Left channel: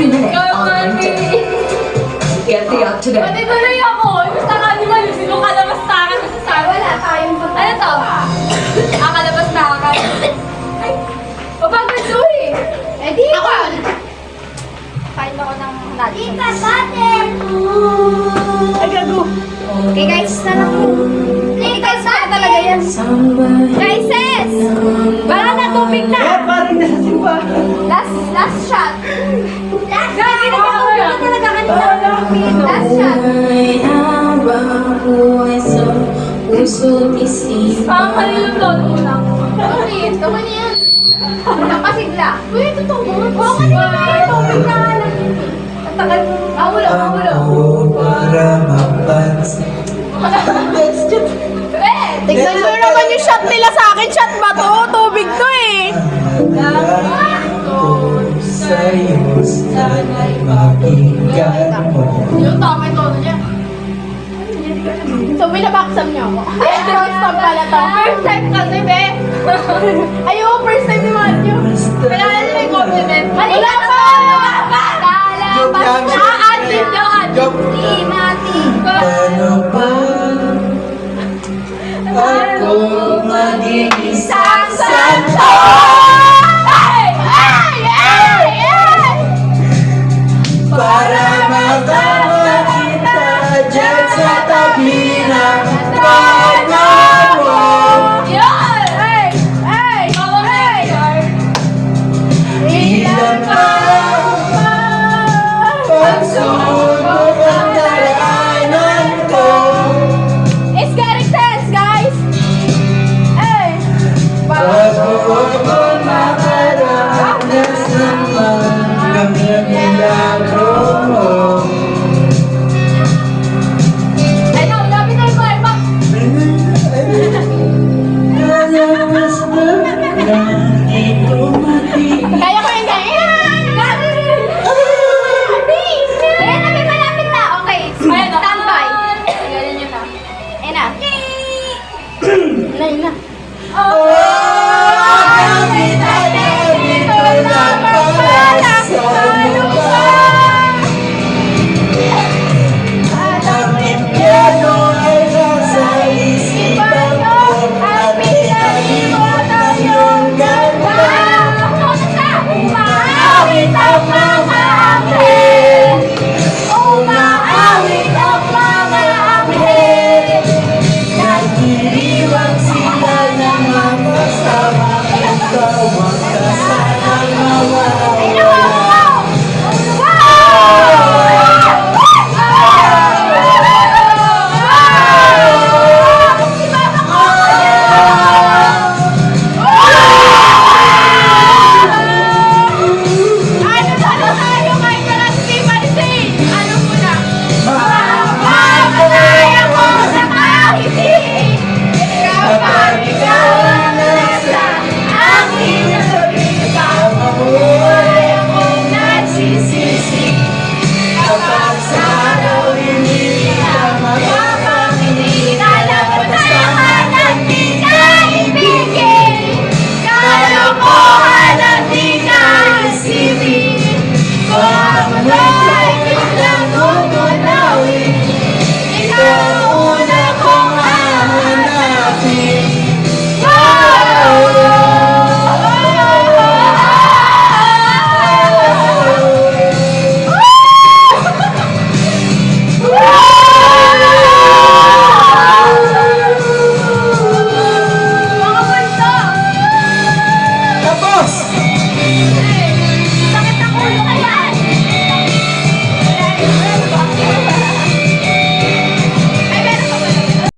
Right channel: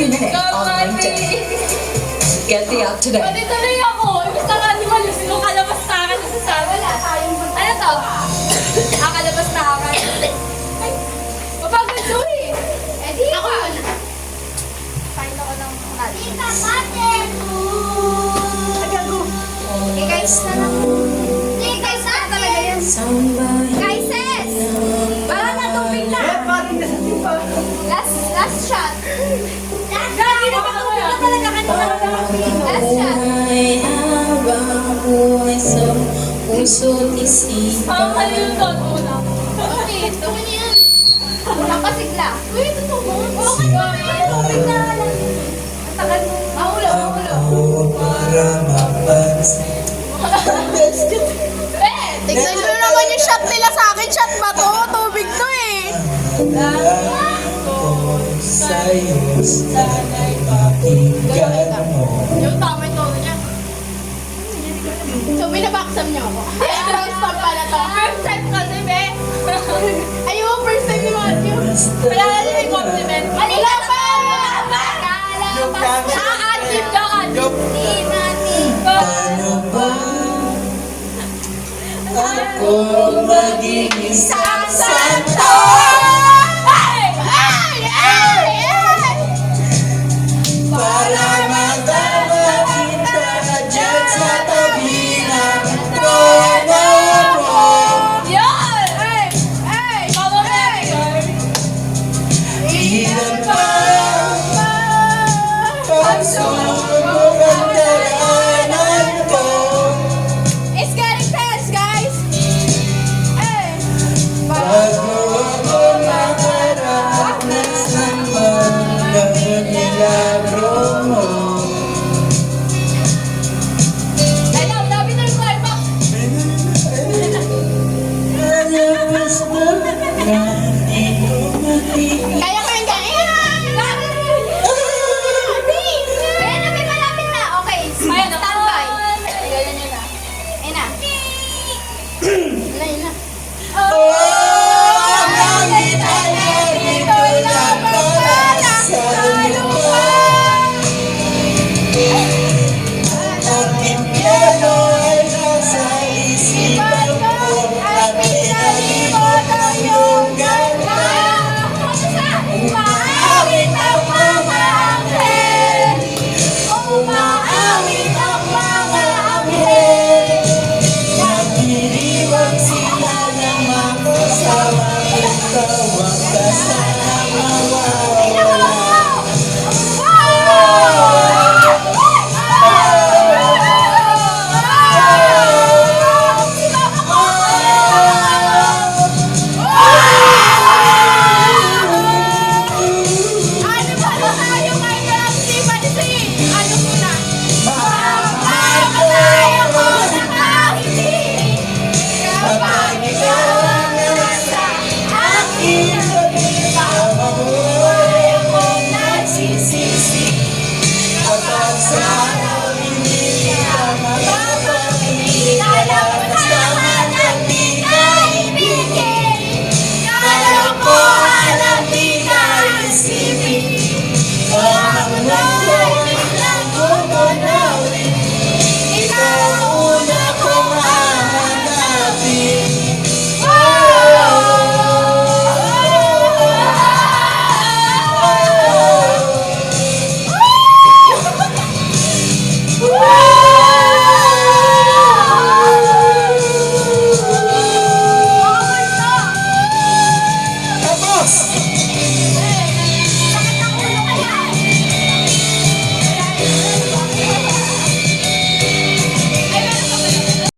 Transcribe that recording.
minute, on LinkedIn. Get the up to date. Pati tuloy ako. Basta nga di ba, sino kalabas na akin sa sabi? Wala tayong ba? Ano to? Kalabas na akin. Ay, papagod to eh. Eh di ako. Kain ako ng nati. Di ka satin. Ay, gago. Okay guys, na lang. Hey guys, na talaga yan. Guys, sis! Bala na, tubig na. Eh, parang nasasin pa. Last shot. Last shot. Puso't isip. Kanino to? Una. Ulit. Ako na yan. Napasigla. Uy, totoo mo. Oo, kanina. Tubig na. Ang tagal mo. Mahulog, mahulog. Para mapansin. Tignan nyo naman yung shot nila sa akin. Shot ba to? Tubig to eh. Sa'yo, sana'y makinggan mo. Yung tama yung tono niya. So, binabaksam niyo ako. Ay, cross pag pala to. First time kasi, be. Ay,